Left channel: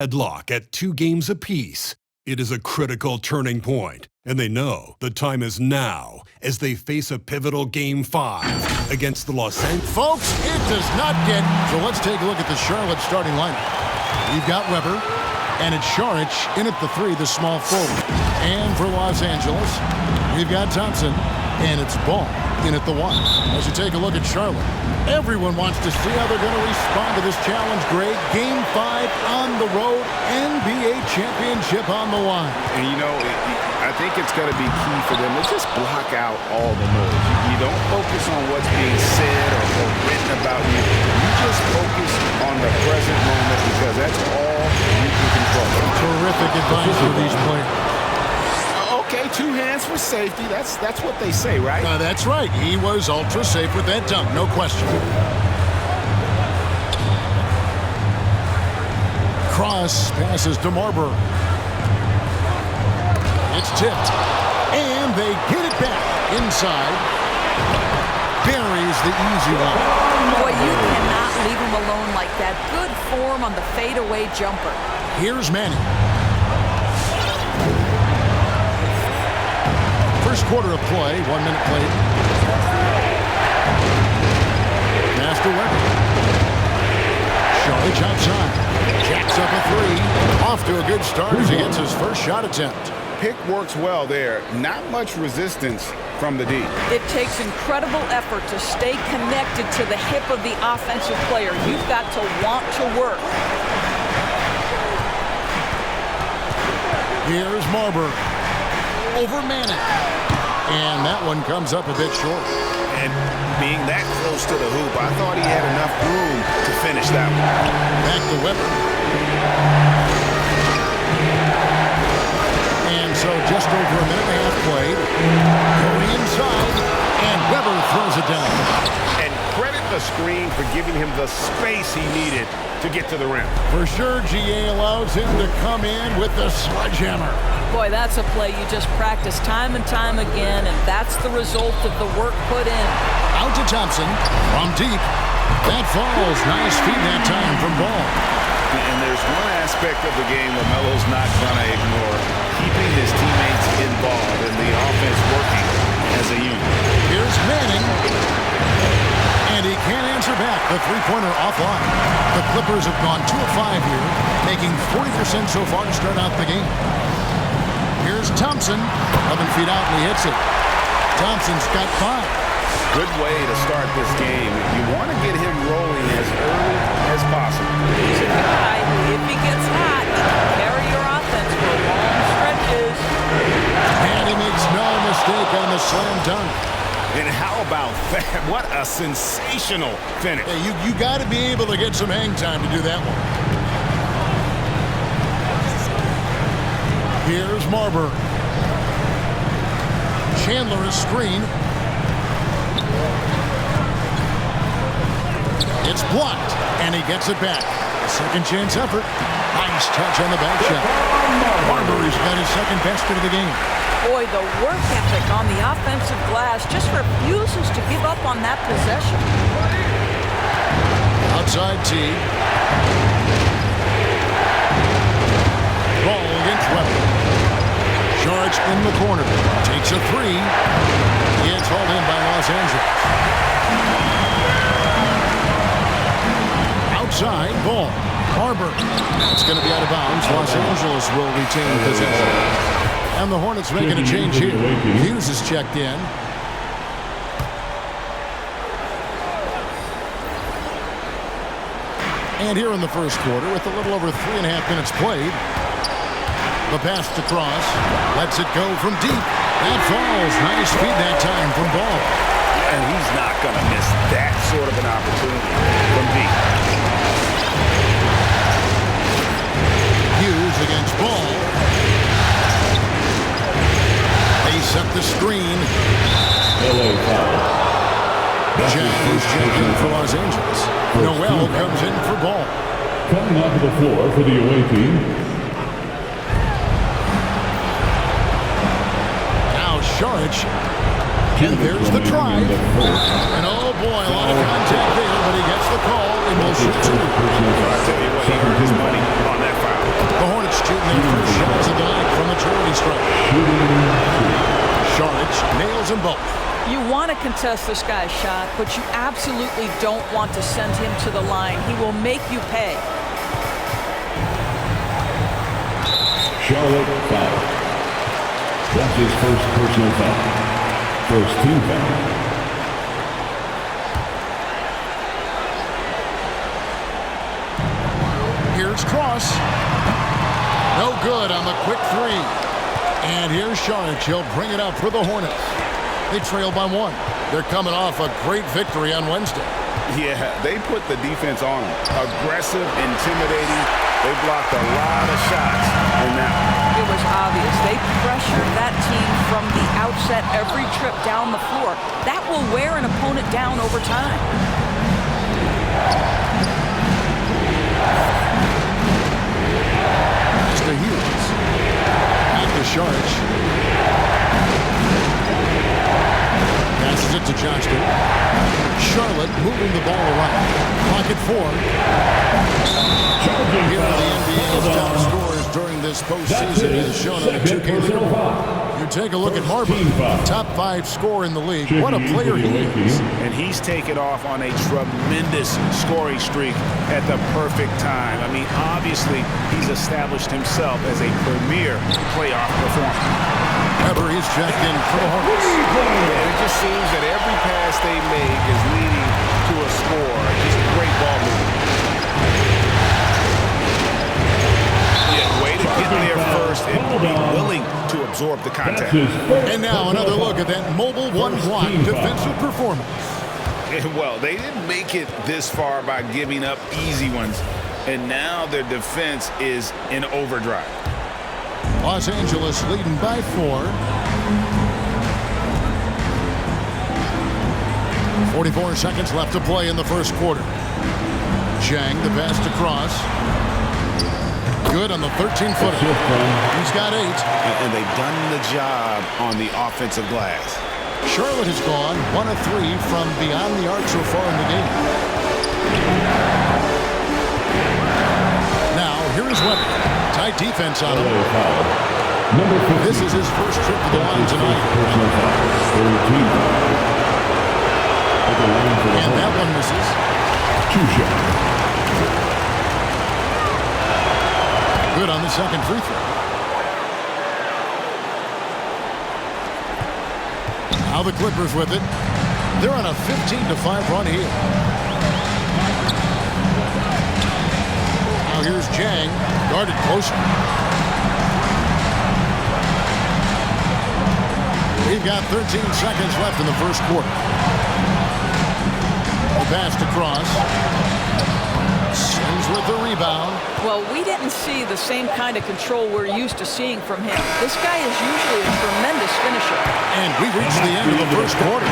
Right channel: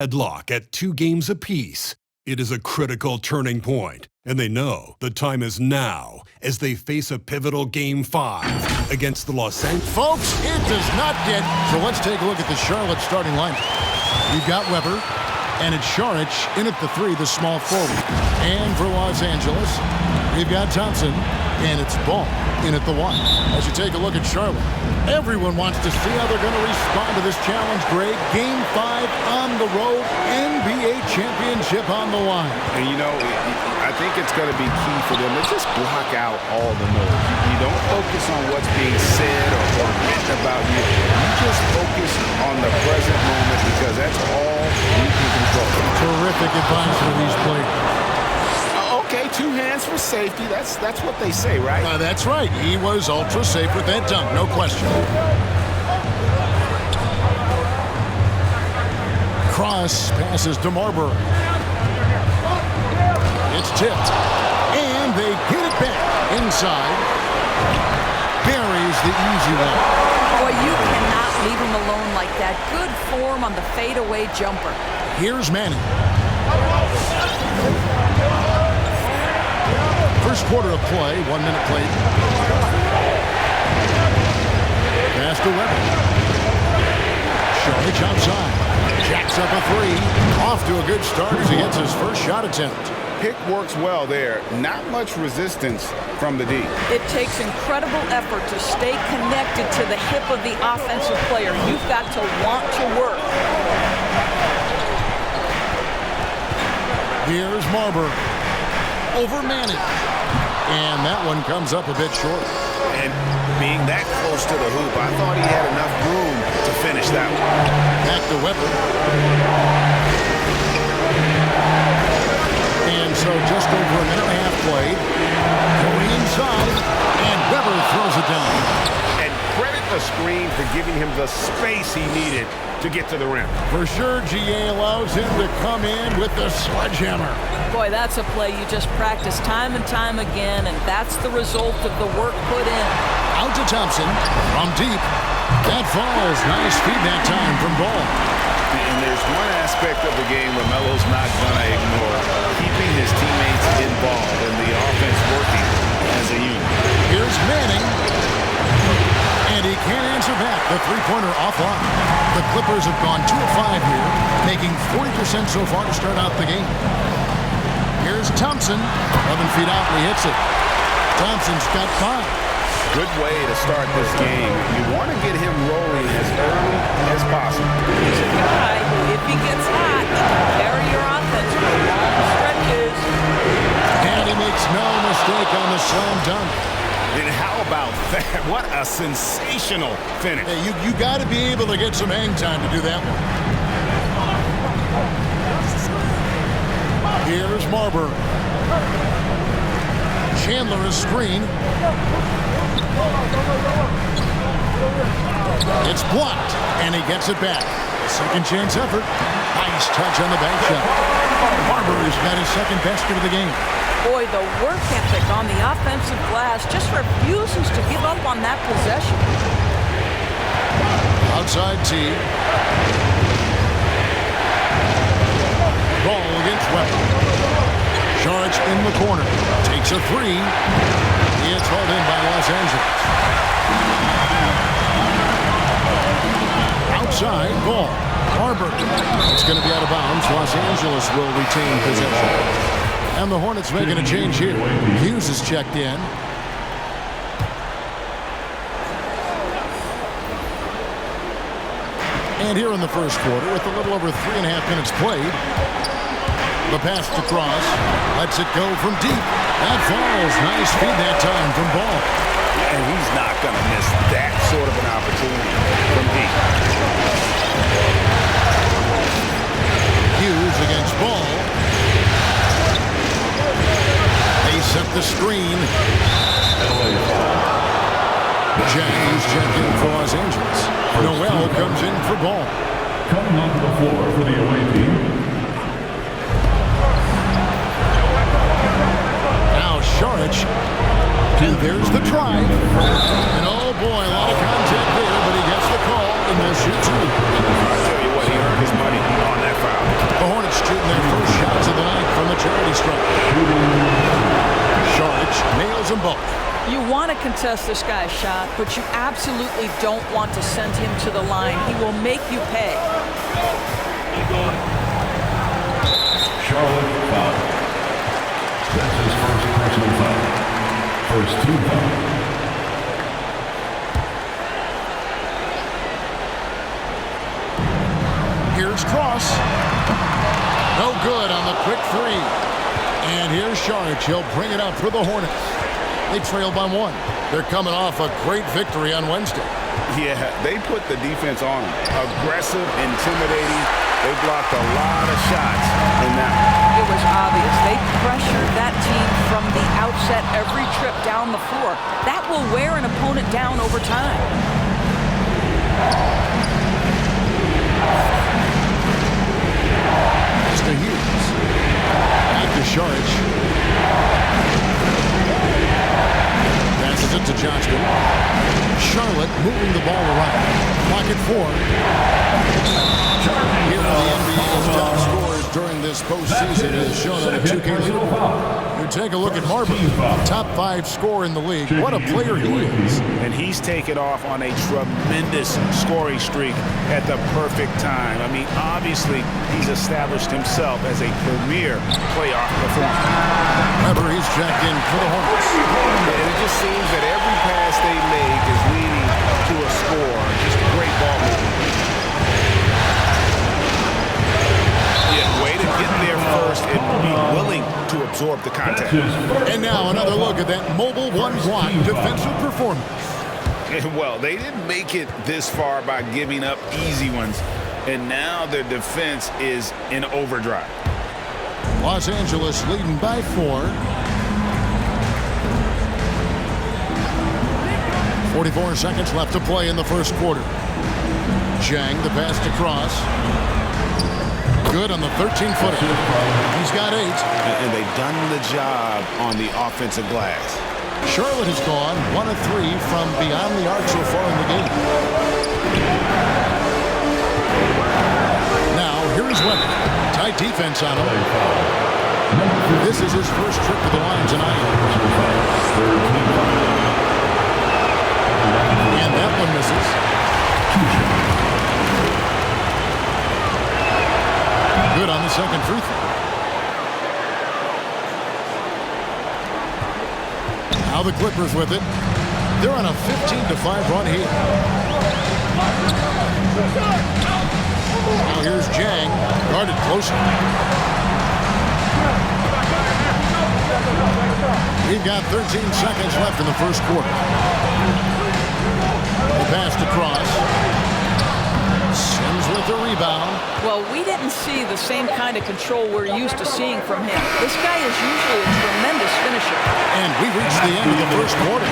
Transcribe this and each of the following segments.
Deadlock at 2 games apiece. It is a critical turning point, and they know the time is now as they face a pivotal Game 5 against the Los Angeles. Folks, it does not get... So let's take a look at the Charlotte starting lineup. You've got Weber, and it's Šarić in at the 3, the small forward. And for Los Angeles, we've got Thompson, and it's Ball in at the 1. As you take a look at Charlotte, everyone wants to see how they're going to respond to this challenge, Greg. Game 5 on the road, NBA championship on the line. And, you know, I think it's going to be key for them to just block out all the noise. You don't focus on what's being said or written about you. You just focus on the present moment because that's all you can control. Terrific advice for these players. Okay, 2 hands for safety. That's what they say, right? That's right. He was ultra safe with that dunk, no question. Cross passes to Marbury. It's tipped. And they get it back inside. Buries the easy one. Boy, you cannot leave him alone like that. Good form on the fadeaway jumper. Here's Manning. First quarter of play, 1 minute played. Pass to Weber. Šarić outside. Jacks up a 3. Off to a good start as he gets his first shot attempt. Pick works well there. Not much resistance from the D. It takes incredible effort to stay connected to the hip of the offensive player. You've got to want to work. Here's Marbury. Over Manning. And that one comes up a bit short. And being that close to the hoop, I thought he had enough room to finish that one. Back to Weber. And so just over a minute and a half played. Going inside, and Weber throws it down. And credit the screen for giving him the space he needed to get to the rim. For sure, GA allows him to come in with the sledgehammer. Boy, that's a play you just practice time and time again, and that's the result of the work put in. Out to Thompson from deep. That falls. Nice feed that time from Ball. And there's one aspect of the game LaMelo's not going to ignore. Keeping his teammates involved and the offense working as a unit. Here's Manning. And he can't answer back. The three-pointer offline. The Clippers have gone 2 of 5 here, making 40% so far to start out the game. Here's Thompson. 11 feet out, and he hits it. Thompson's got 5. Good way to start this game. You want to get him rolling as early as possible. He's a guy who, if he gets hot, he can carry your offense for long stretches. And he makes no mistake on the slam dunk. And how about that? What a sensational finish. Hey, you got to be able to get some hang time to do that one. Here's Marbury. Chandler is screen. It's blocked, and he gets it back. A second chance effort. Nice touch on the bank shot. Marbury's got his second basket of the game. Boy, the work ethic on the offensive glass just refuses to give up on that possession. Outside T. Ball against Weber. Šarić in the corner. Takes a 3. It's hauled in by Los Angeles. Outside, Ball. Marbury. It's going to be out of bounds. Los Angeles will retain possession. And the Hornets making a change here. Hughes is checked in. And here in the first quarter, with a little over 3.5 minutes played, the pass to Cross. Lets it go from deep. That falls. Nice feed that time from Ball. And he's not going to miss that sort of an opportunity from deep. Hughes against Ball. They set the screen. James checked in for Los Angeles. Noel comes in for Ball. Coming onto the floor for the away team. Now Šarić. And there's the drive. And oh boy, a lot of contact there, but he gets the call and will shoot 2. I tell you what, he earned his money on that foul. shooting their first shots of the night from the charity stripe. Saric nails them both. You want to contest this guy's shot, but you absolutely don't want to send him to the line. He will make you pay. Charlotte foul. That's his first personal foul. First team foul. Here's Cross. No good on the quick three. And here's Saric. He'll bring it up for the Hornets. They trail by 1. They're coming off a great victory on Wednesday. Yeah, they put the defense on them. Aggressive, intimidating. They blocked a lot of shots in that one. It was obvious. They pressured that team from the outset every trip down the floor. That will wear an opponent down over time. Pass to Hughes. Back to Saric. Passes it to Johnston. Charlotte moving the ball around. Clock at 4. Here are the NBA's top scorers during this postseason as shown on the 2K leaderboard. You take a look at Marbury, top 5 scorer in the league. What a player he is. And he's taken off on a tremendous scoring streak at the perfect time. I mean, obviously, he's established himself as a premier playoff performer. Weber, he's checked in for the Hornets. And it just seems that every pass they make is leading to a score. Just great ball movement. Yeah, way to get there first and be willing to absorb the contact. And now another look at that mobile one-block defensive performance. Well, they didn't make it this far by giving up easy ones, and now their defense is in overdrive. Los Angeles leading by 4. 44 seconds left to play in the first quarter. Zhang, the pass to Cross. Good on the 13-footer. He's got 8. And they've done the job on the offensive glass. Charlotte has gone 1 of 3 from beyond the arc so far in the game. Now, here is Weber. Tight defense on him. This is his first trip to the line tonight. And that one misses. 2 shots. Good on the second free throw. Now the Clippers with it. They're on a 15-5 run here. Now here's Zhang, guarded closer. We've got 13 seconds left in the first quarter. The pass to Cross. Sims with the rebound. Well, we didn't see the same kind of control we're used to seeing from him. This guy is usually a tremendous finisher. And we've reached the end of the first quarter.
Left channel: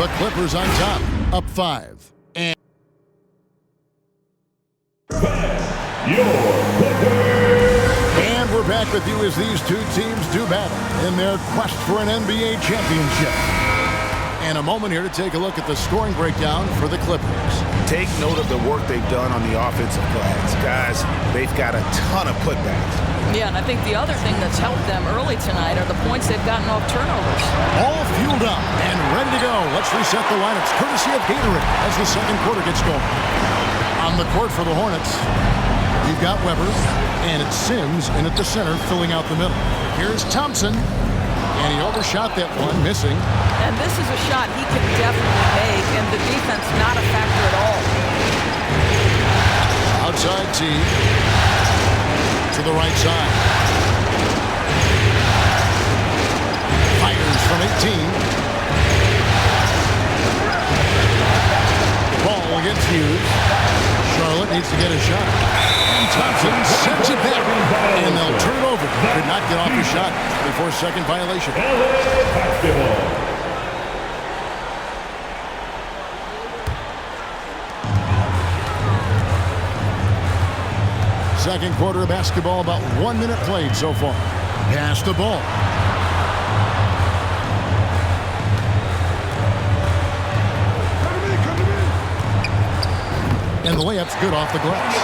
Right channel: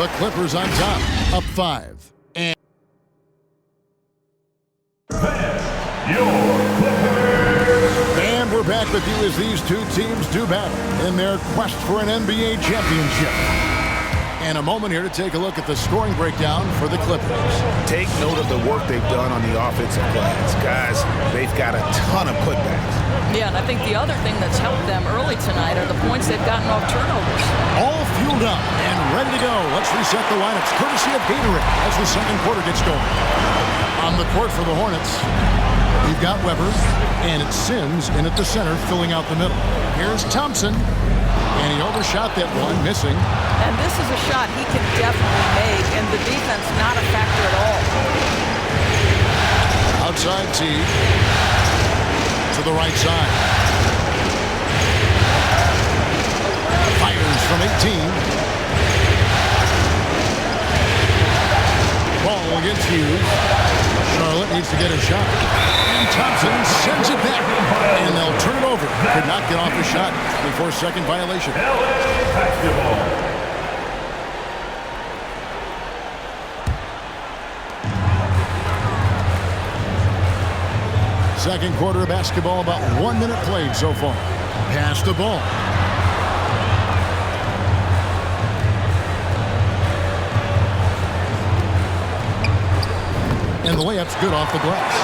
The Clippers on top, up 5. And Your Clippers. And we're back with you as these two teams do battle in their quest for an NBA championship. And a moment here to take a look at the scoring breakdown for the Clippers. Take note of the work they've done on the offensive glass. Guys, they've got a ton of putbacks. Yeah, and I think the other thing that's helped them early tonight are the points they've gotten off turnovers. All fueled up and ready to go. Let's reset the lineups courtesy of Gatorade as the second quarter gets going. On the court for the Hornets, we've got Weber, and it's Sims in at the center filling out the middle. Here's Thompson, and he overshot that one, missing. And this is a shot he can definitely make, and the defense not a factor at all. Outside T to the right side. Fires from 18. Ball against Hughes. Charlotte needs to get a shot. And Thompson sends it back. And they'll turn it over. Could not get off the shot. 24-second violation. LA basketball. Second quarter of basketball, about 1 minute played so far. Pass the ball. And the layup's good off the glass.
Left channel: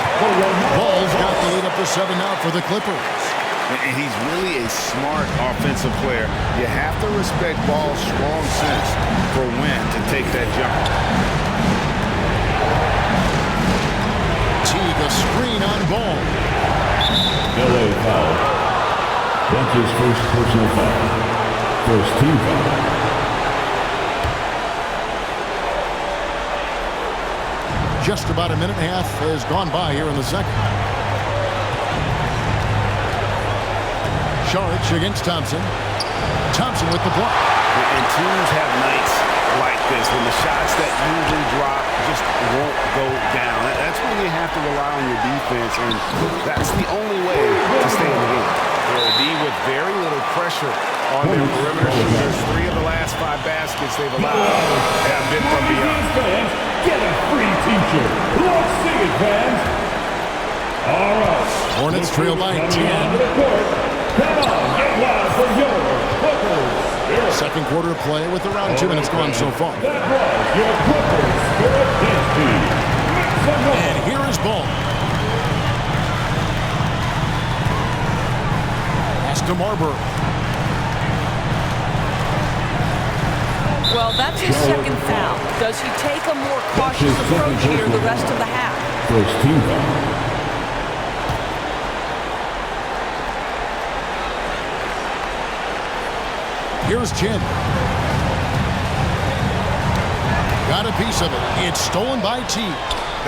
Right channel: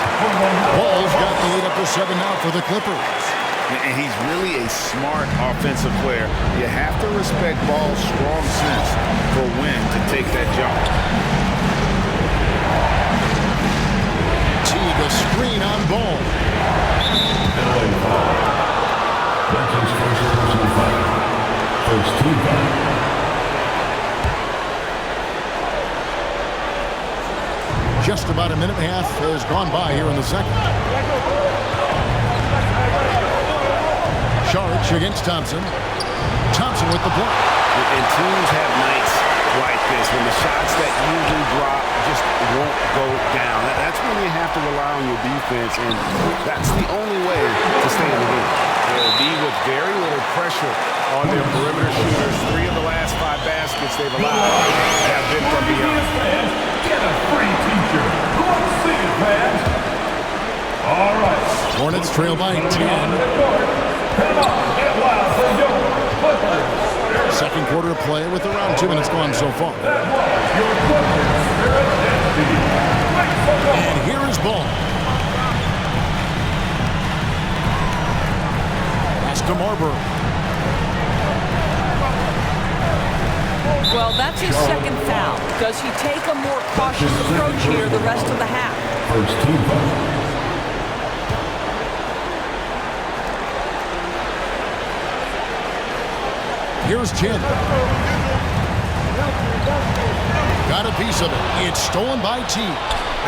Ball's got the lead up to 7 now for the Clippers. And he's really a smart offensive player. You have to respect Ball's strong sense for when to take that jump. Teague, a screen on Ball. LA foul. That's his first personal foul. First team foul. Just about a minute and a half has gone by here in the second. Saric against Thompson. Thompson with the block. And teams have nights like this when the shots that usually drop just won't go down. That's when you have to rely on your defense, and that's the only way to stay in the game. The D with very little pressure on their perimeter shooters. 3 of the last 5 baskets they've allowed have been from beyond. Fans, get a free t-shirt. Let's see it, fans. All right. Hornets trail by 10. Come on, get loud for your Clippers. Second quarter of play with around 2 minutes gone so far. That was your Clippers Spirit Dance Team. Make some noise. And here is Ball. Pass to Marbury. Well, that's his second foul. Does he take a more cautious approach here the rest of the half? First team foul. Here's Chin. Got a piece of it. It's stolen by T.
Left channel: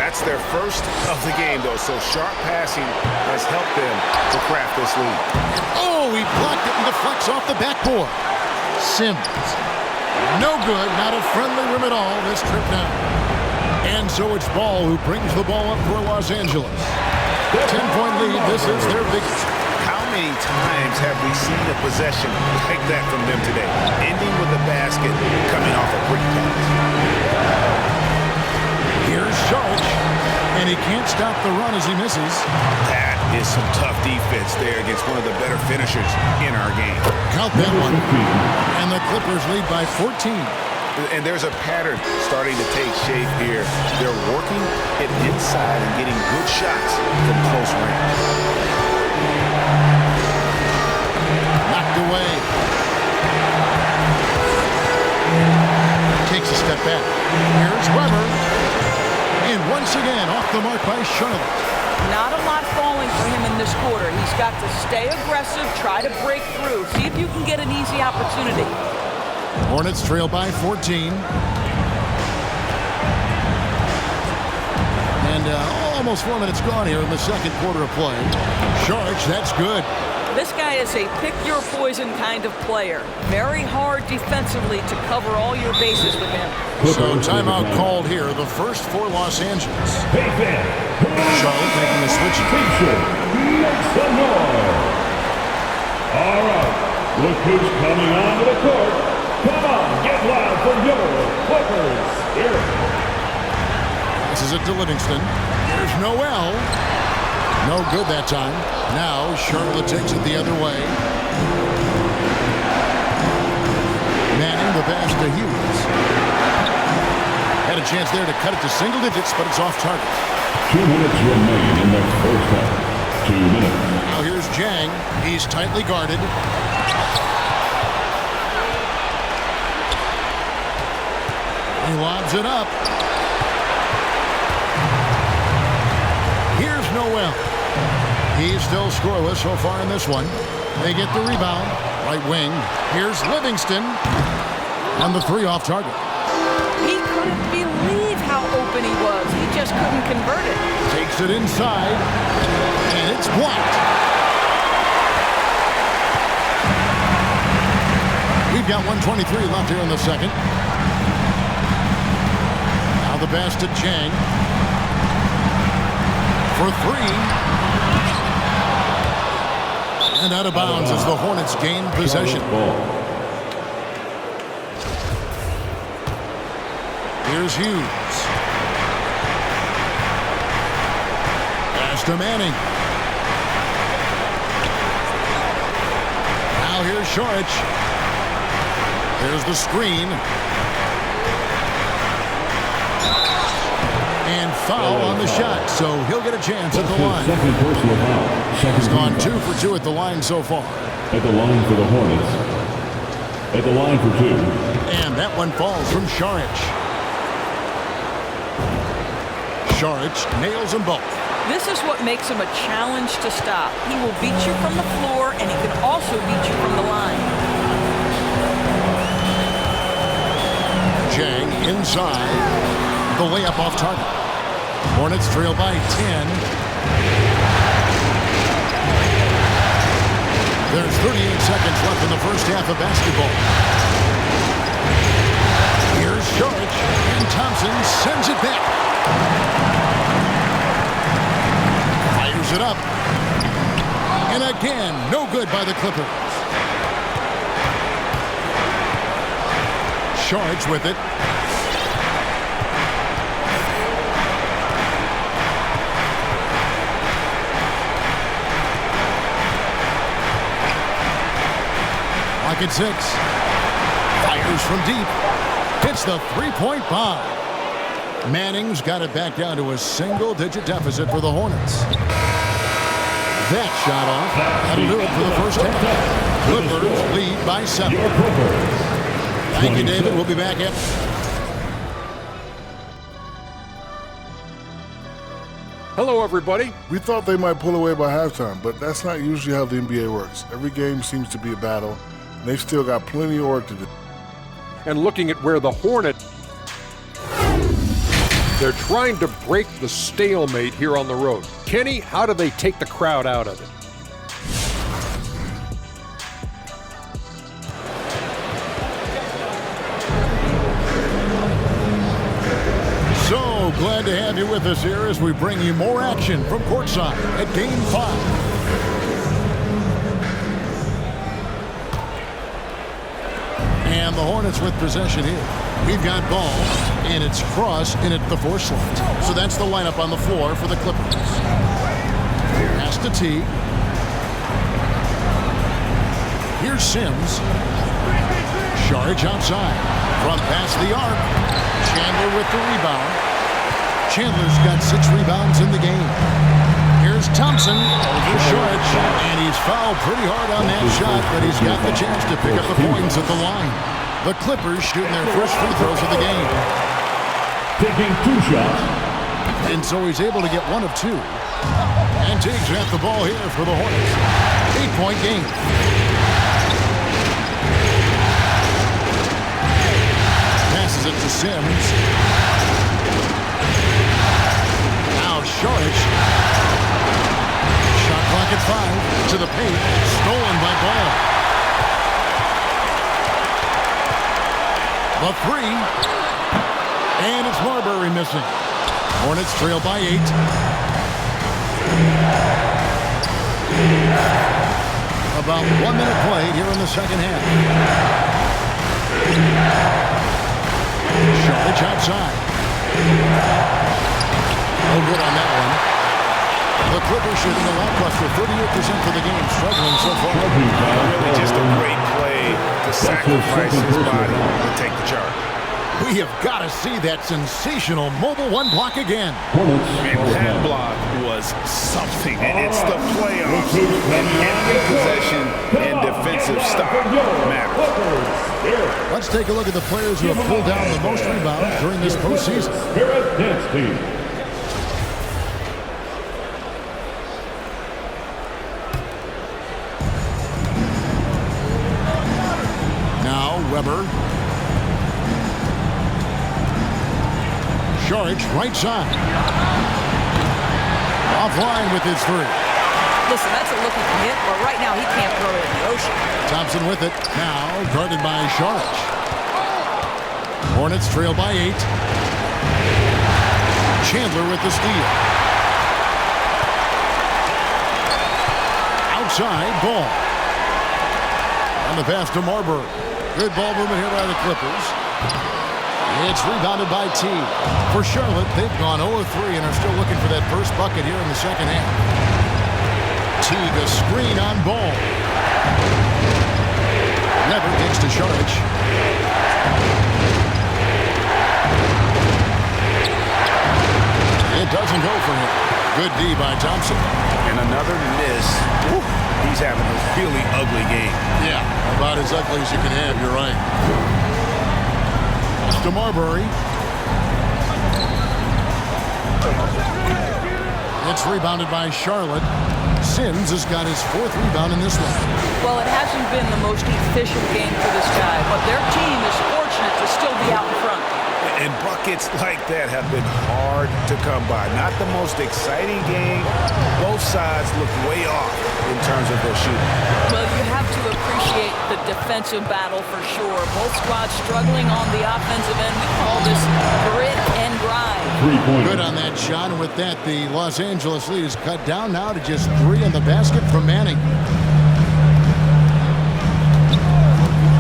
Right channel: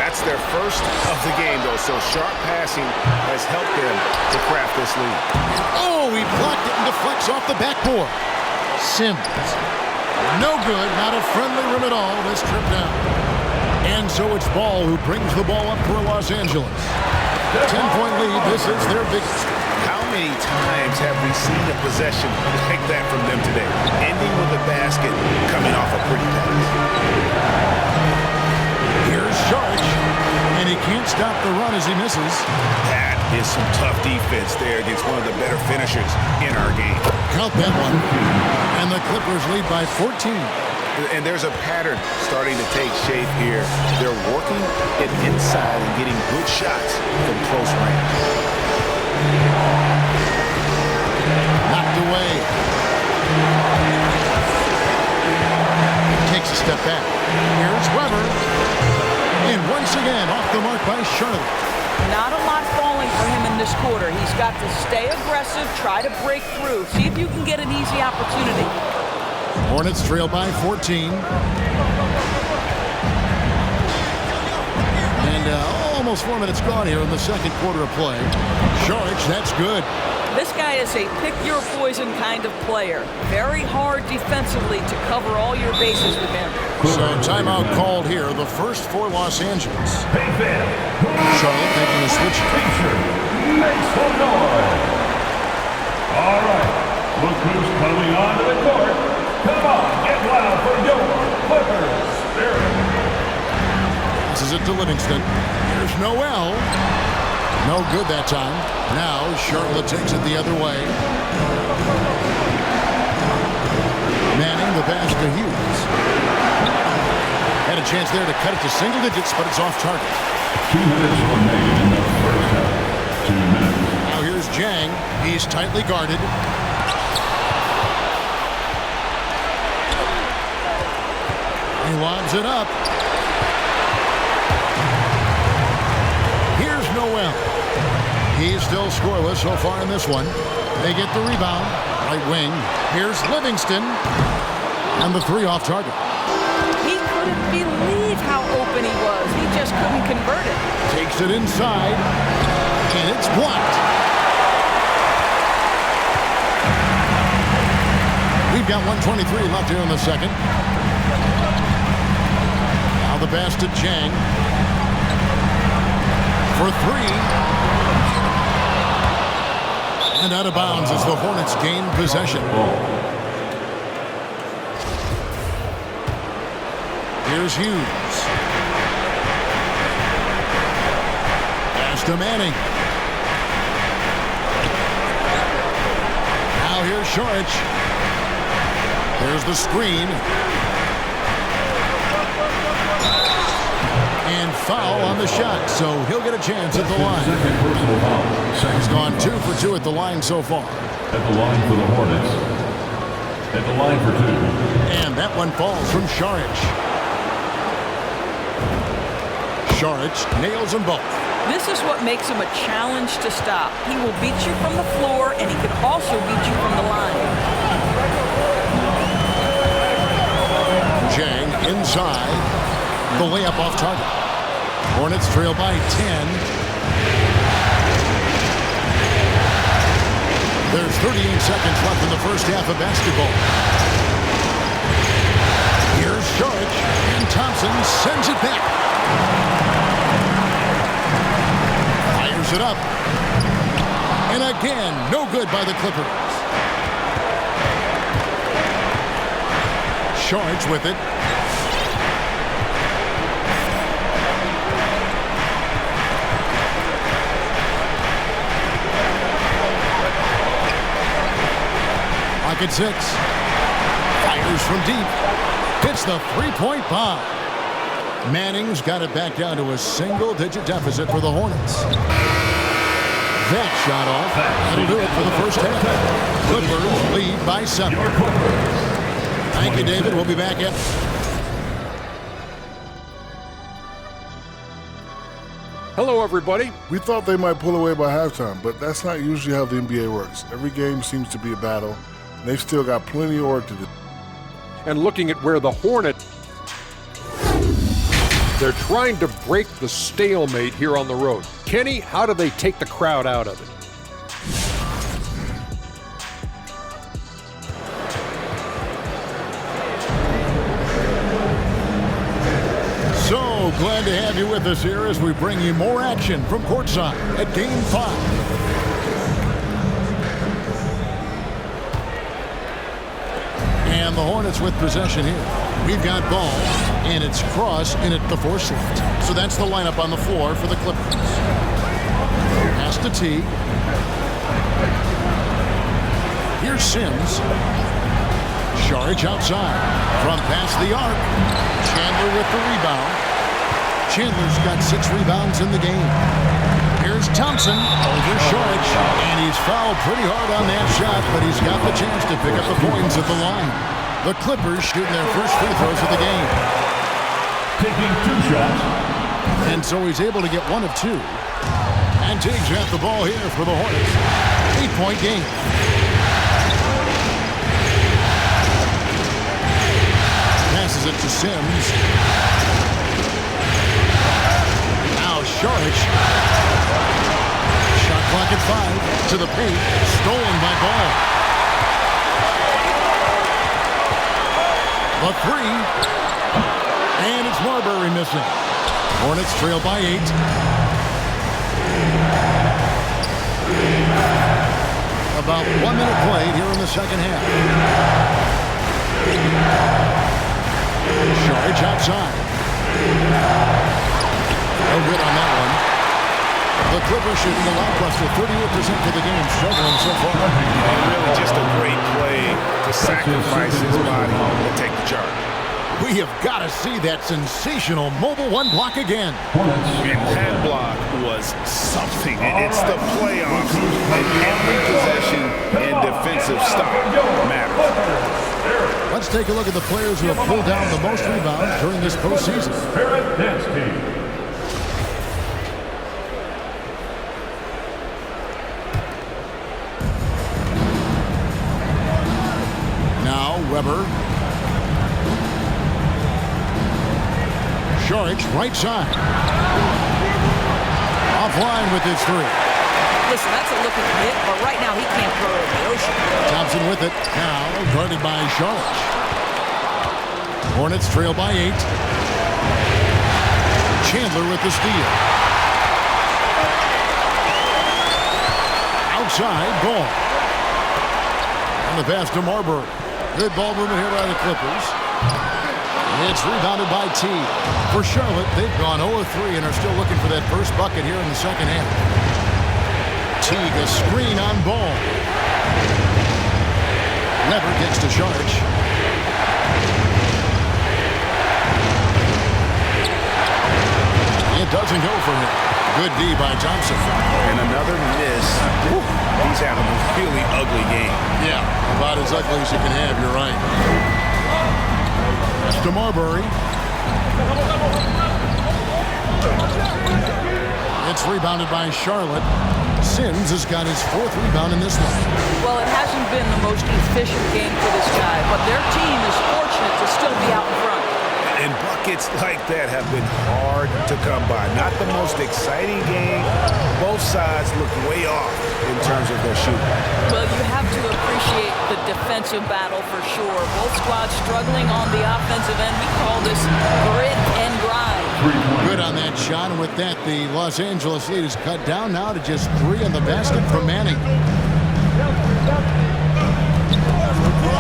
That's their first of the game, though, so sharp passing has helped them to craft this lead. Oh, he blocked it and deflects off the backboard. Sims. No good. Not a friendly rim at all this trip down. And so it's Ball who brings the ball up for Los Angeles. 10-point lead. This is their biggest. How many times have we seen a possession like that from them today? Ending with a basket coming off a pretty pass. Here's Saric, and he can't stop the run as he misses. That is some tough defense there against one of the better finishers in our game. Count that one. And the Clippers lead by 14. And there's a pattern starting to take shape here. They're working it inside and getting good shots from close range. Knocked away. Takes a step back. Here's Weber. And once again, off the mark by Charlotte. Not a lot falling for him in this quarter. He's got to stay aggressive, try to break through. See if you can get an easy opportunity. Hornets trail by 14. And almost 4 minutes gone here in the second quarter of play. Saric, that's good. This guy is a pick-your-poison kind of player. Very hard defensively to cover all your bases with him. So timeout called here, the first for Los Angeles. Hey, fan. Charlotte making the switch. T-shirt. Make some noise. All right. Look who's coming onto the court. Come on, get loud for your Clippers Spirit. Passes it to Livingston. Here's Noel. No good that time. Now Charlotte takes it the other way. Manning the pass to Hughes. Had a chance there to cut it to single digits, but it's off target. 2 minutes remain in the first half. 2 minutes. Now here's Jang. He's tightly guarded. He lobs it up. Here's Noel. He's still scoreless so far in this one. They get the rebound. Right wing. Here's Livingston. And the 3 off target. He couldn't believe how open he was. He just couldn't convert it. Takes it inside. And it's blocked. We've got 1:23 left here in the second. Now the pass to Jang. For 3. And out of bounds as the Hornets gain possession. Here's Hughes. Pass to Manning. Now here's Saric. There's the screen. And foul on the shot, so he'll get a chance at the line. Second personal foul. He's gone 2 for 2 at the line so far. At the line for the Hornets. At the line for 2. And that one falls from Šarić. Šarić nails them both. This is what makes him a challenge to stop. He will beat you from the floor, and he can also beat you from the line. Jang inside. The layup off target. Hornets trail by 10. There's 38 seconds left in the first half of basketball. Here's Šarić, and Thompson sends it back. Fires it up. And again, no good by the Clippers. Šarić with it. Lock at 6. Fires from deep. Hits the three-point bomb. Manning's got it back down to a single-digit deficit for the Hornets. That shot off. That'll do it for the first half. Clippers lead by 7. Thank you, David. We'll be back at... Hello, everybody. We thought they might pull away by halftime, but that's not usually how the NBA works. Every game seems to be a battle, and they've still got plenty of work to do. And looking at where the Hornets, they're trying to break the stalemate here on the road. Kenny, how do they take the crowd out of it? So glad to have you with us here as we bring you more action from courtside at Game 5. And the Hornets with possession here. We've got ball, and it's Cross in at the 4 slot. So that's the lineup on the floor for the Clippers. Pass to Teague. Here's Sims. Šarić outside. Front past the arc. Chandler with the rebound. Chandler's got 6 rebounds in the game. Here's Thompson over Šarić, and he's fouled pretty hard on that shot, but he's got the chance to pick up the points at the line. The Clippers shooting their first free throws of the game. Taking 2 shots. And so he's able to get 1 of 2. And Teague's got the ball here for the Hornets. 8-point game. Passes it to Sims. Now Šarić. Shot clock at 5. To the paint. Stolen by Ball. The 3. And it's Marbury missing. Hornets trail by 8. About 1 minute played here in the second half. Šarić outside. No good on that one. The Clippers shooting a lackluster 38% for the game, struggling so far. And really just a great play to sacrifice his body and take the charge. We have got to see that sensational mobile 1 block again. Hornets. And that block was something. It's the playoffs, and every possession and defensive stop matters. Let's take a look at the players who have pulled down the most rebounds during this postseason. Spirit Dance Team. Now Weber. Šarić right side. Offline with his 3. Listen, that's a look he can hit, but right now he can't throw it in the ocean. Thompson with it. Now guarded by Šarić. Hornets trail by 8. Chandler with the steal. Outside, Ball. On the pass to Marbury. Good ball movement here by the Clippers. It's rebounded by T. For Charlotte, they've gone 0-3 and are still looking for that first bucket here in the second half. Teague, a screen on Ball. Weber gets to Šarić. It doesn't go for him. Good D by Thompson. And another miss. Woo. He's having a really ugly game. Yeah, about as ugly as you can have, you're right. That's to Marbury. It's rebounded by Charlotte. Sims has got his 4th rebound in this one. Well, it hasn't been the most efficient game for this guy, but their team is fortunate to still be out in front. And buckets like that have been hard to come by. Not the most exciting game. Both sides look way off in terms of their shooting. Well, you have to appreciate the defensive battle for sure. Both squads struggling on the offensive end. We call this grit and grind. 3-point. Good on that shot, and with that, the Los Angeles lead is cut down now to just 3 on the basket from Manning.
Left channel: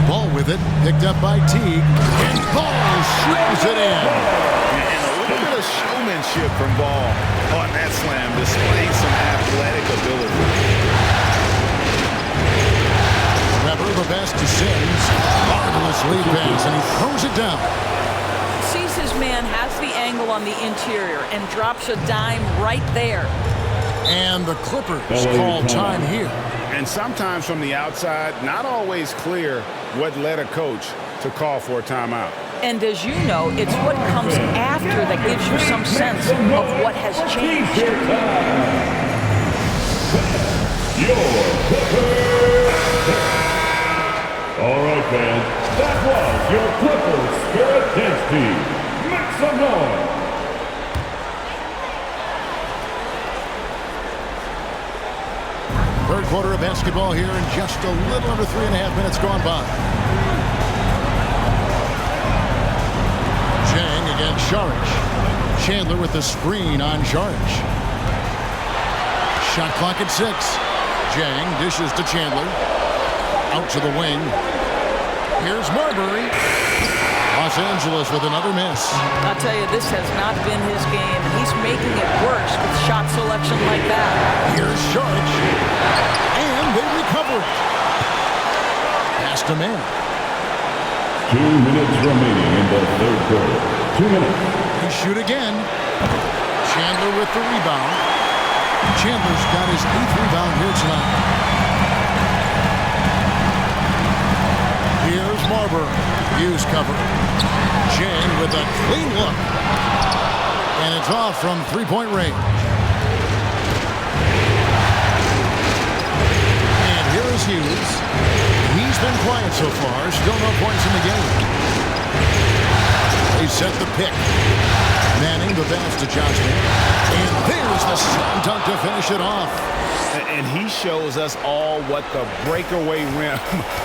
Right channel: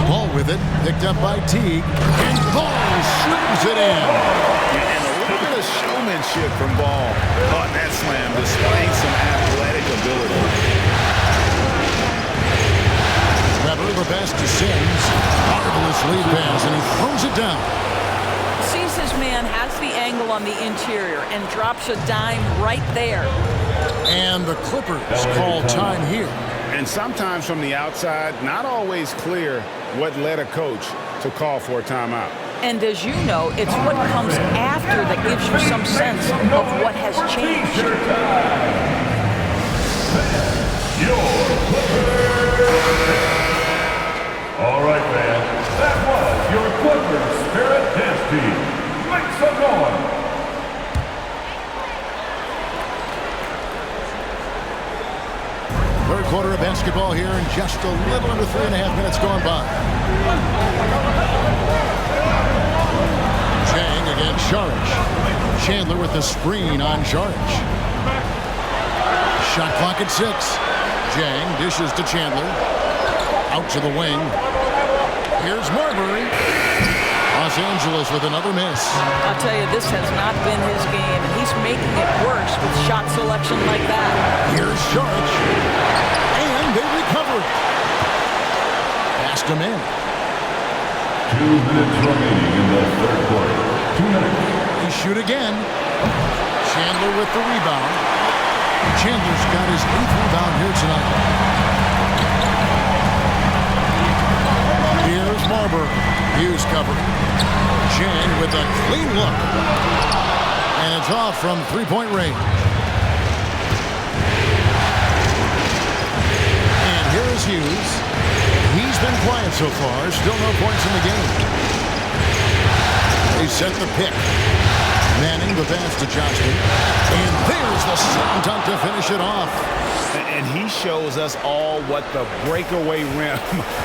Ball with it, picked up by Teague, and Ball slams it in. And a little bit of showmanship from Ball on that slam, displaying some athletic ability. Weber the best to Sims. Marvelous lead pass, and he throws it down. Sees his man, has the angle on the interior, and drops a dime right there. And the Clippers call time here. And sometimes from the outside, not always clear what led a coach to call for a timeout. And as you know, it's what comes after that gives you some sense of what has changed. Your Clippers. All right, fans. That was your Clippers Spirit Dance Team. Make some noise. Third quarter of basketball here, and just a little under 3.5 minutes gone by. Chang against Saric. Chandler with the screen on Saric. Shot clock at 6. Chang dishes to Chandler. Out to the wing. Here's Marbury. Los Angeles with another miss. I'll tell you, this has not been his game, and he's making it worse with shot selection like that. Here's Saric. And they recover it. Pass to Manning. 2 minutes remaining in the third quarter. 2 minutes. They shoot again. Chandler with the rebound. Chandler's got his 8th rebound here tonight. Here's Marbury. Hughes covering. Chang with a clean look. And it's off from 3-point range. And here is Hughes. He's been quiet so far. Still no points in the game. They set the pick. Manning the pass to Johnston. And there's the slam dunk to finish it off. And he shows us all what the breakaway rim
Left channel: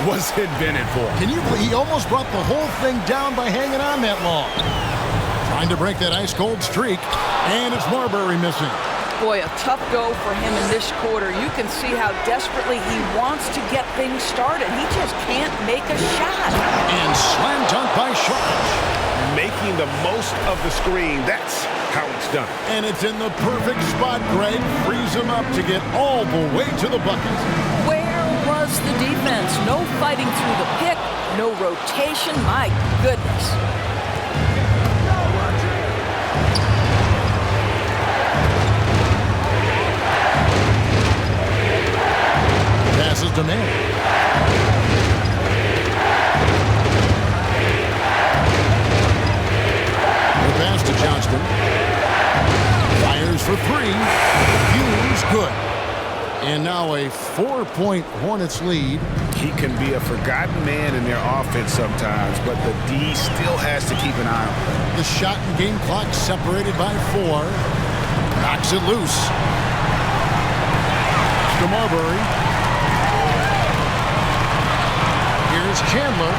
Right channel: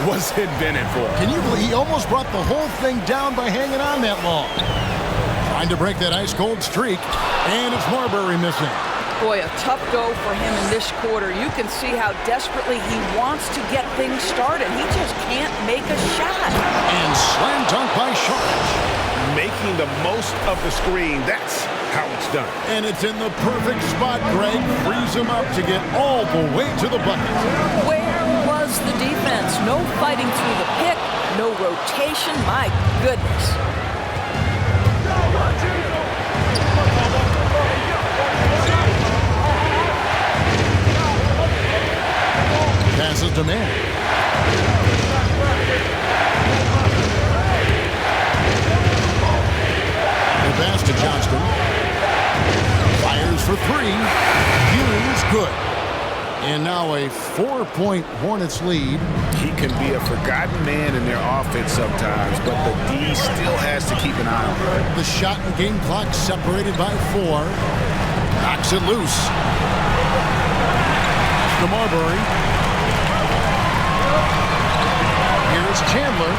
was invented for. Can you believe he almost brought the whole thing down by hanging on that long? Trying to break that ice-cold streak. And it's Marbury missing. Boy, a tough go for him in this quarter. You can see how desperately he wants to get things started. He just can't make a shot. And slam dunk by Saric. Making the most of the screen. That's how it's done. And it's in the perfect spot, Greg. Frees him up to get all the way to the bucket. Where was the defense? No fighting through the pick, no rotation. My goodness. Passes to Manning. The pass to Johnston. Fires for 3. Hughes, good. And now a 4-point Hornets lead. He can be a forgotten man in their offense sometimes, but the D still has to keep an eye on him. The shot and game clock separated by 4. Knocks it loose. Pass to Marbury. Here's Chandler.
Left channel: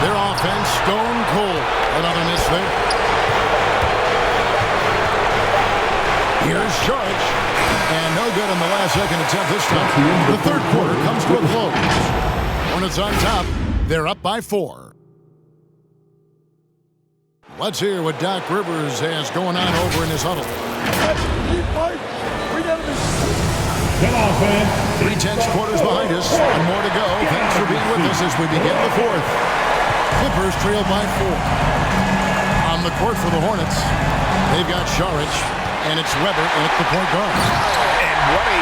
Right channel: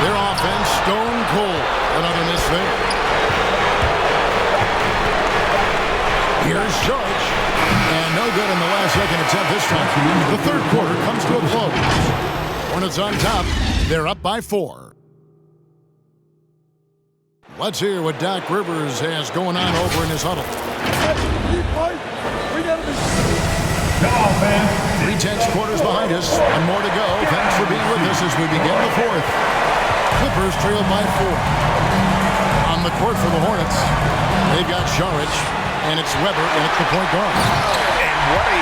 Their offense stone cold. Another miss there. Here's Saric. And no good in the last second attempt this time. The third quarter comes to a close. Hornets on top. They're up by 4. Let's hear what Doc Rivers has going on over in his huddle. Come on, fans. 3 tense quarters behind us. 1 more to go. Thanks for being with us as we begin the 4th. Clippers trail by 4. On the court for the Hornets. They've got Saric, and it's Weber in at the point guard. And what a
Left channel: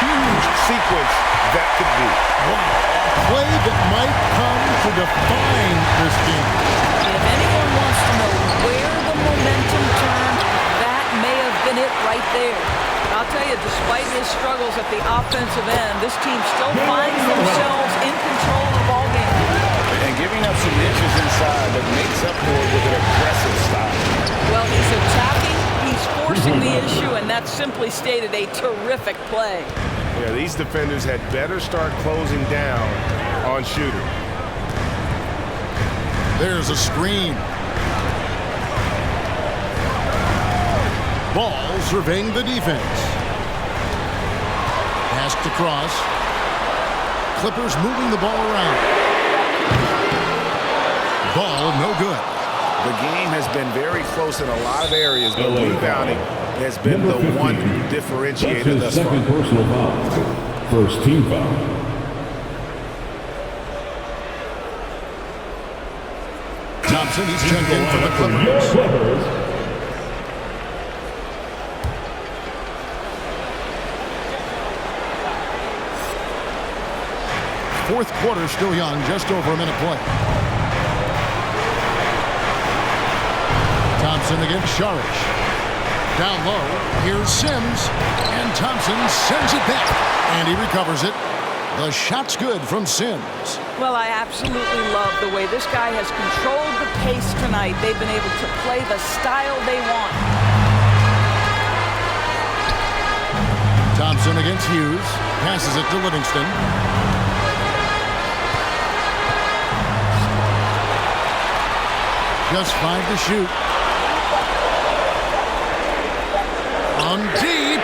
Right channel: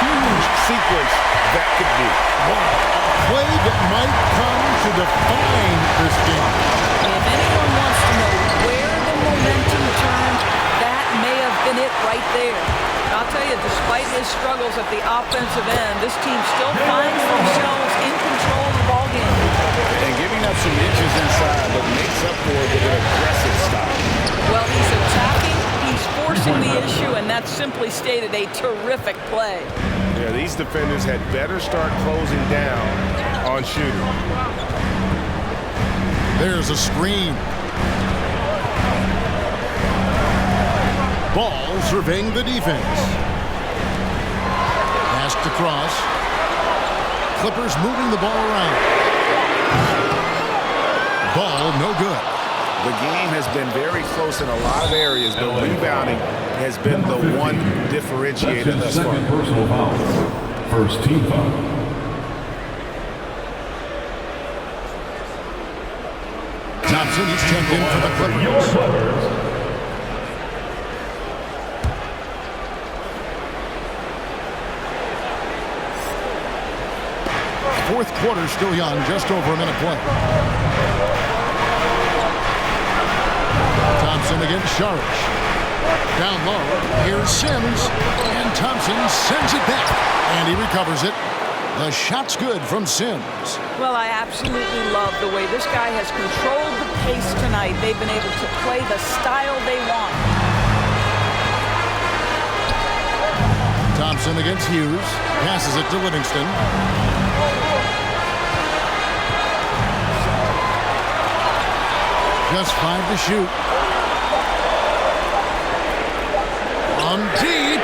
huge sequence that could be. Wow, a play that might come to define this game. If anyone wants to know where the momentum turned, that may have been it right there. I'll tell you, despite his struggles at the offensive end, this team still finds themselves in control of the ballgame. And giving up some inches inside, but makes up for it with an aggressive style. Well, he's attacking, he's forcing the issue, and that's simply stated a terrific play. Yeah, these defenders had better start closing down on shooter. There's a screen. Ball surveying the defense. Passed across. Clippers moving the ball around. Ball no good. The game has been very close in a lot of areas, but rebounding has been the one differentiator thus far. Second personal foul. First team foul. Thompson, he's checked in for the Clippers. Your Clippers. Fourth quarter still young, just over a minute play. Thompson against Saric. Down low, here's Sims, and Thompson sends it back, and he recovers it. The shot's good from Sims. Well, I absolutely love the way this guy has controlled the pace tonight. They've been able to play the style they want. Thompson against Hughes, passes it to Livingston. Just 5 to shoot. On deep.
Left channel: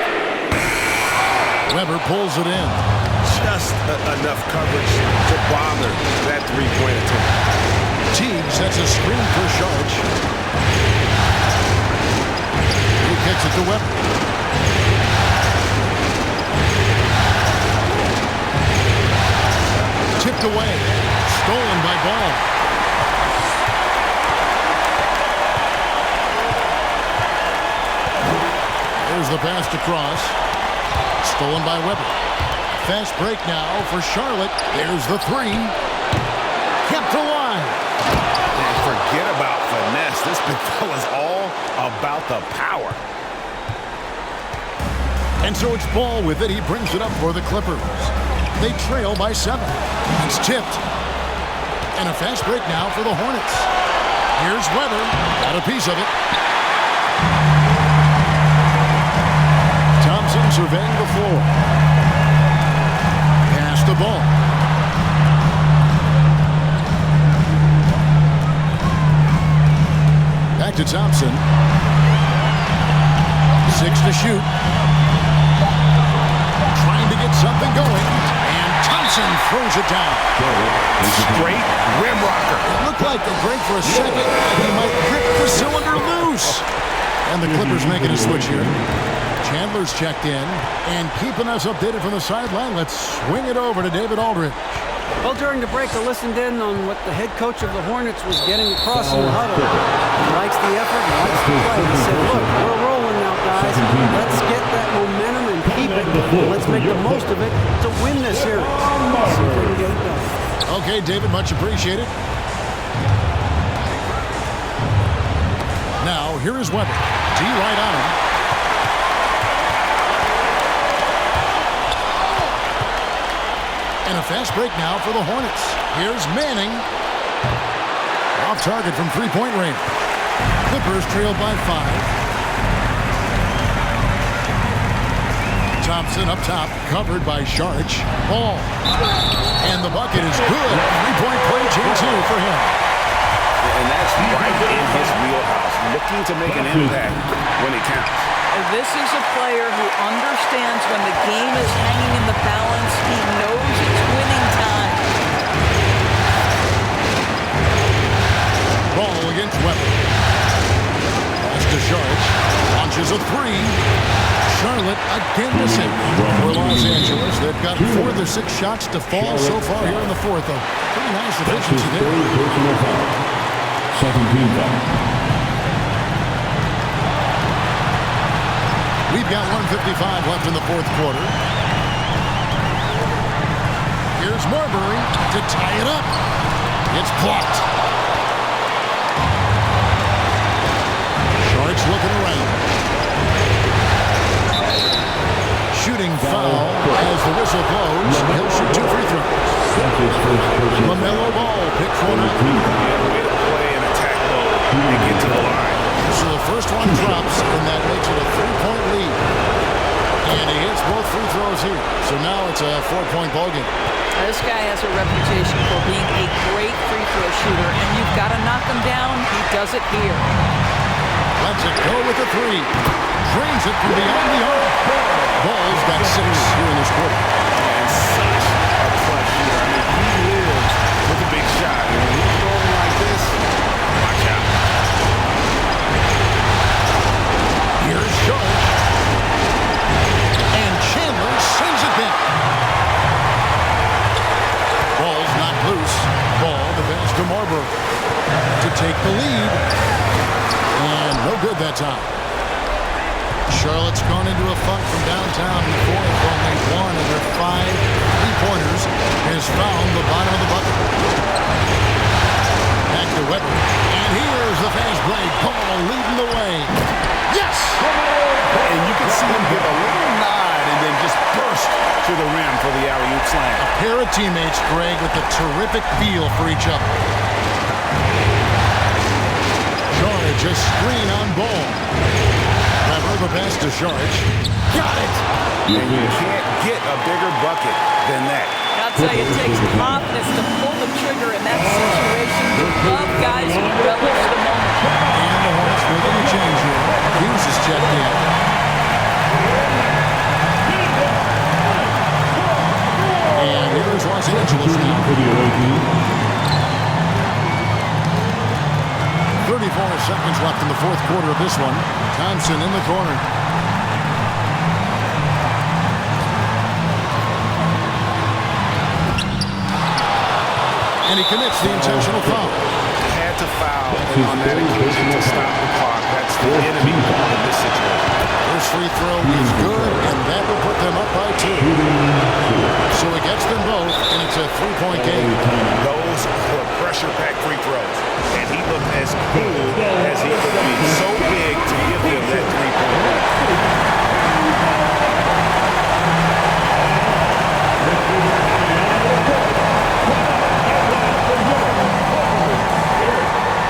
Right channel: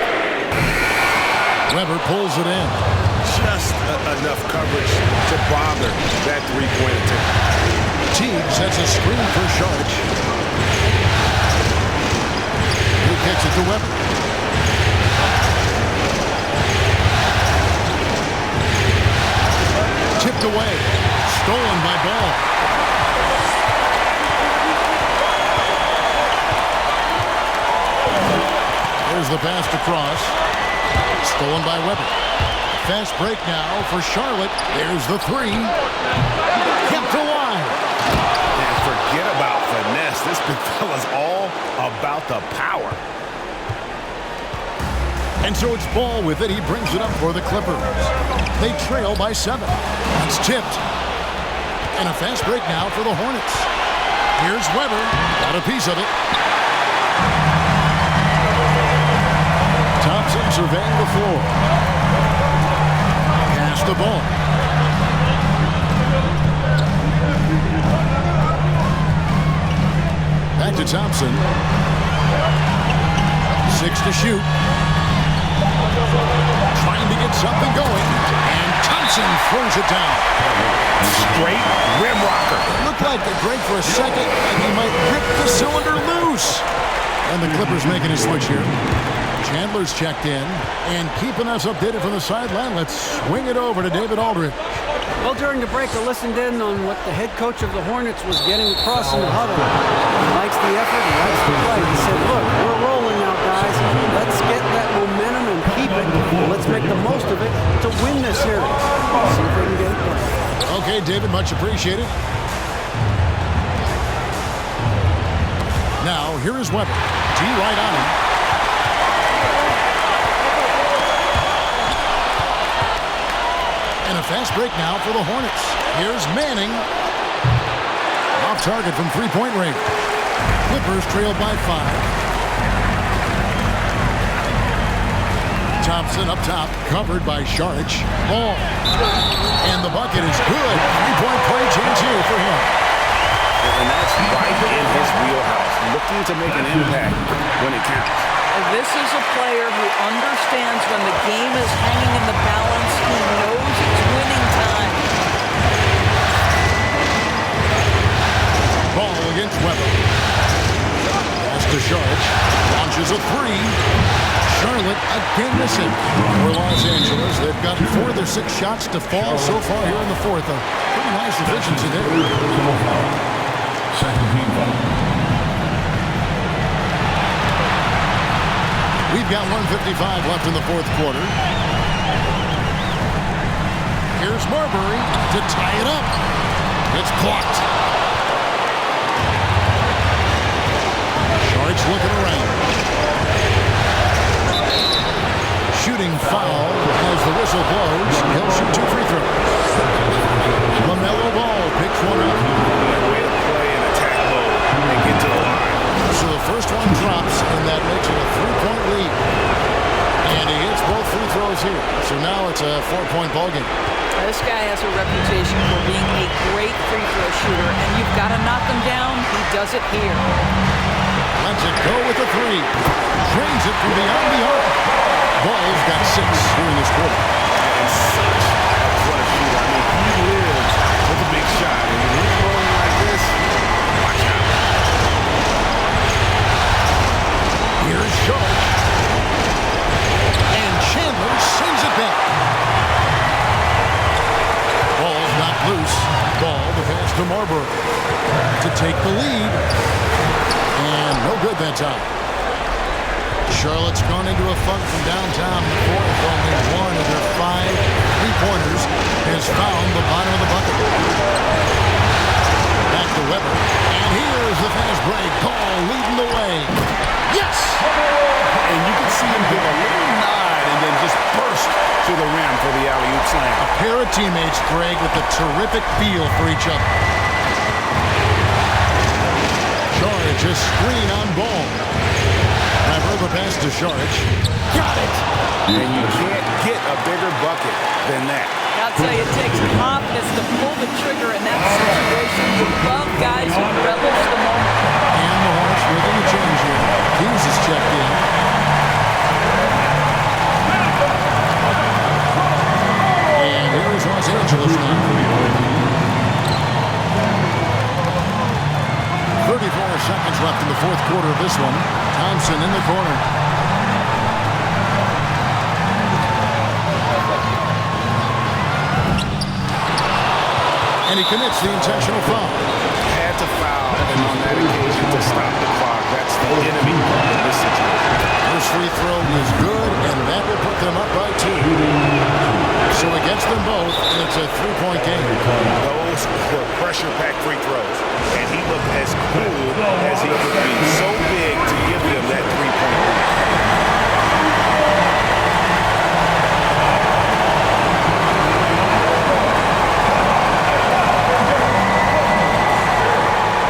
Weber pulls it in. Just enough coverage to bother that three-point attempt. Teague sets a screen for Saric. He kicks it to Weber. Tipped away. Stolen by Ball. There's the pass to Cross. Stolen by Weber. Fast break now for Charlotte. There's the three. Kept alive. And forget about finesse. This big fella's all about the power. And so it's Ball with it. He brings it up for the Clippers. They trail by 7. It's tipped. And a fast break now for the Hornets. Here's Weber. Got a piece of it. Thompson surveying the floor. Pass the ball. Back to Thompson. 6 to shoot. Trying to get something going. And Thompson throws it down. Straight rim rocker. It looked like a break for a second, like he might rip the cylinder loose. And the Clippers making a switch here. Chandler's checked in, and keeping us updated from the sideline, let's swing it over to David Aldridge. Well, during the break, I listened in on what the head coach of the Hornets was getting across in the huddle. He likes the effort, he likes the play. He said, look, we're rolling now, guys. Let's get that momentum and keep it. Let's make the most of it to win this series. See if we can get it done. Okay, David, much appreciated. Now, here is Weber. D right on him. And a fast break now for the Hornets. Here's Manning. Off target from three-point range. Clippers trailed by 5. Thompson up top, covered by Saric. Ball. And the bucket is good. Three-point play chance here for him. And that's right in his wheelhouse, looking to make an impact when it counts. And this is a player who understands when the game is hanging in the balance. He knows it's winning time. Ball against Weber. Pass to to Saric. Launches a three. Charlotte again missing. For Los Angeles, they've got 4 of their 6 shots to fall so far here in the fourth. A pretty nice efficiency there. Personal foul. Second team foul. We've got 1:55 left in the fourth quarter. Here's Marbury to tie it up. It's blocked. Sharks looking around. Shooting foul as the whistle blows. He'll shoot 2 free throws. LaMelo Ball picks one up. Yeah, way to play and attack low and get to the line. So the first one drops, and that makes it a 3-point lead. And he hits both free throws here. So now it's a 4-point ballgame. This guy has a reputation for being a great free throw shooter, and you've got to knock him down. He does it here. Lets it go with a 3. Drains it from beyond the arc. Ball's got 6 here in this quarter. And such a clutch shooter. I mean, he lives with a big shot. And when he's rolling like this, watch out. Here's Sharp. And Chandler sends it back. Ball's knocked loose. Ball, the pass to Marbury to take the lead. And no good that time. Charlotte's gone into a funk from downtown in the fourth. Only 1 of their 5 3-pointers has found the bottom of the bucket. Back to Weber. And here's the fast break. Ball leading the way. Yes! And you can see him give a little nod and then just burst to the rim for the alley-oop slam. A pair of teammates, Greg, with a terrific feel for each other. Saric, a screen on Ball. Weber, the pass to Saric. Got it! And you can't get a bigger bucket than that. I'll tell you, it takes confidence to pull the trigger in that situation. You love guys who relish the moment. And the Hornets making a change here. Hughes is checked in. And here is Los Angeles now. 34 seconds left in the fourth quarter of this one. Thompson in the corner. And he commits the intentional foul. Had to foul, and on that occasion to stop the clock. That's the enemy in this situation. First free throw is good, and that will put them up by 2. So it gets them both, and it's a 3-point game. Those were pressure-packed free throws, and he looked as cool as he could be. So big to give them that 3-point lead.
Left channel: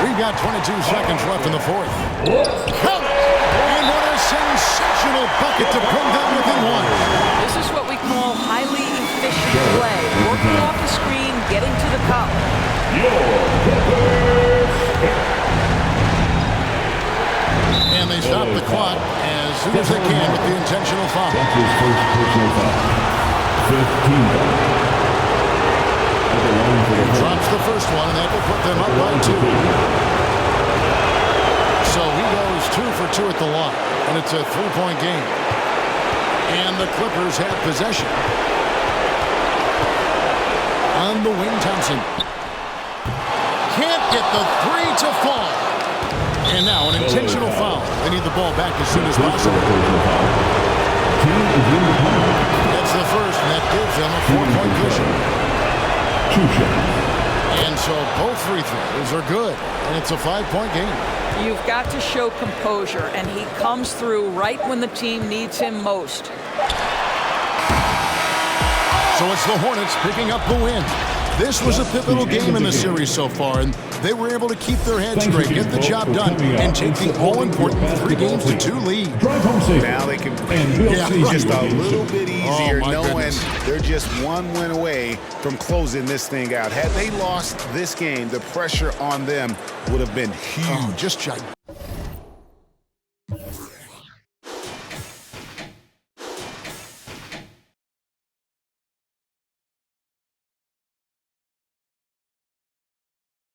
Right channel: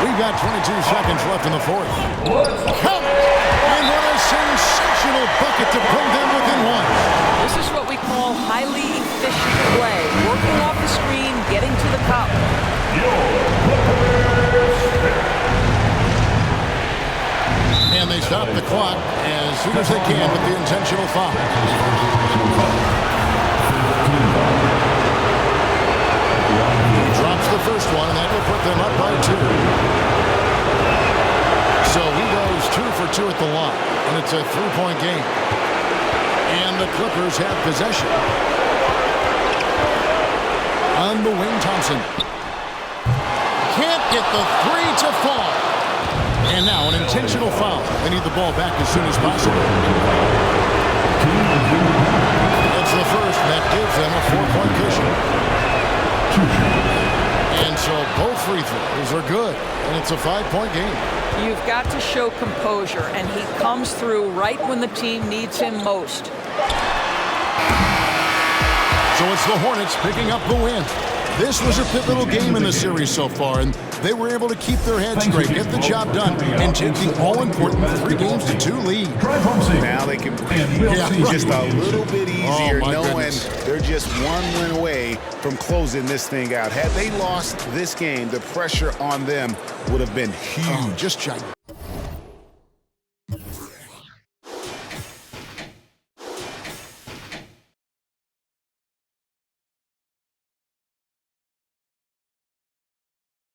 We've got 22 seconds left in the fourth. Count it! And what a sensational bucket to bring them within 1. This is what we call highly efficient play. Working off the screen, getting to the cup. And they stop the clock as soon as they can with the intentional foul. That's his first personal foul. 15 foul. He drops the first one, and that will put them up by 2. So he goes 2 for 2 at the line, and it's a 3-point game. And the Clippers have possession. On the wing, Thompson. Can't get the 3 to fall. And now an intentional foul. They need the ball back as soon as possible. It's the first, and that gives them a 4-point cushion. And so both free throws are good, and it's a 5-point game. You've got to show composure, and he comes through right when the team needs him most. So it's the Hornets picking up the win. This was a pivotal game in the series so far, and they were able to keep their heads straight, get the job done, and take the all-important 3-2 lead. Now they can breathe just a little bit easier, knowing they're just 1 win away from closing this thing out. Had they lost this game, the pressure on them would have been huge. Just gigantic.